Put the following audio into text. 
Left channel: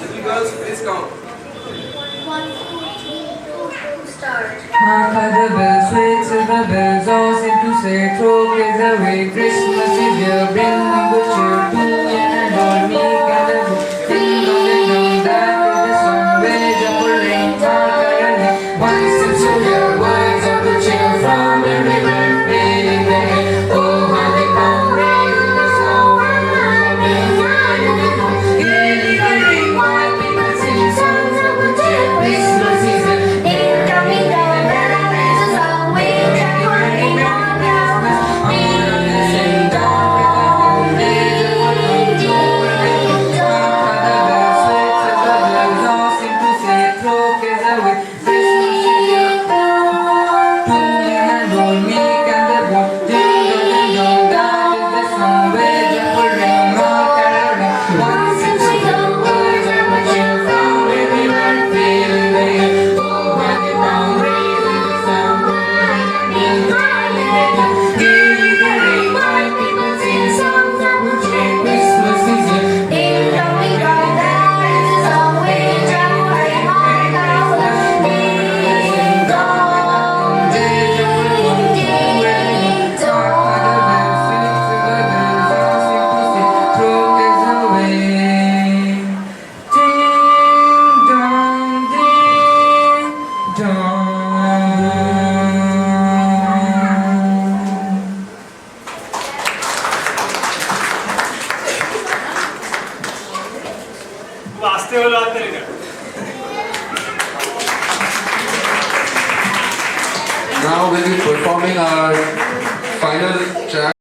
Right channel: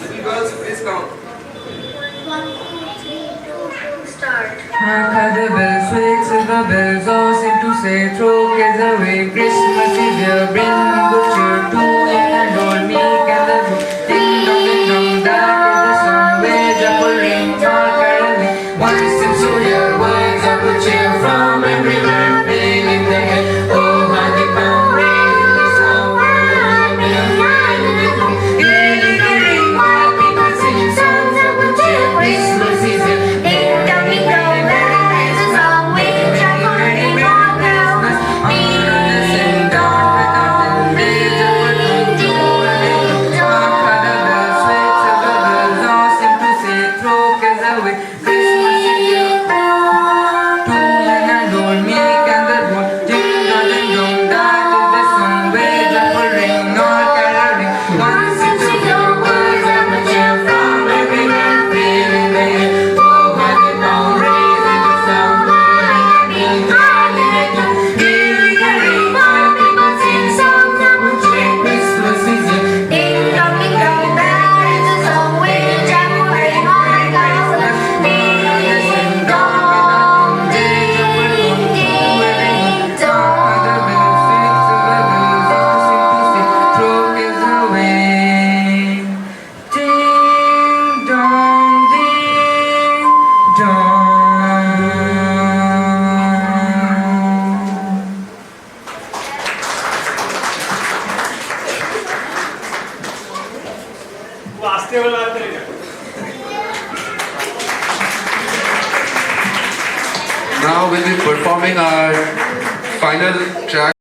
Little girls, please count. 1, 2, 3, 2, start. The bells swing, silver bells all seem to say, throw kids away, Christmas is here, bring good cheer to and old meek and the good. Ding dong, that is the song, where the ring, all caroling. One sings to hear words of good cheer from everywhere, filling the air. Oh, how they come, raising the sound, hearing the ring, while people sing songs of good cheer. Christmas is here. Now we'll be performing our final track.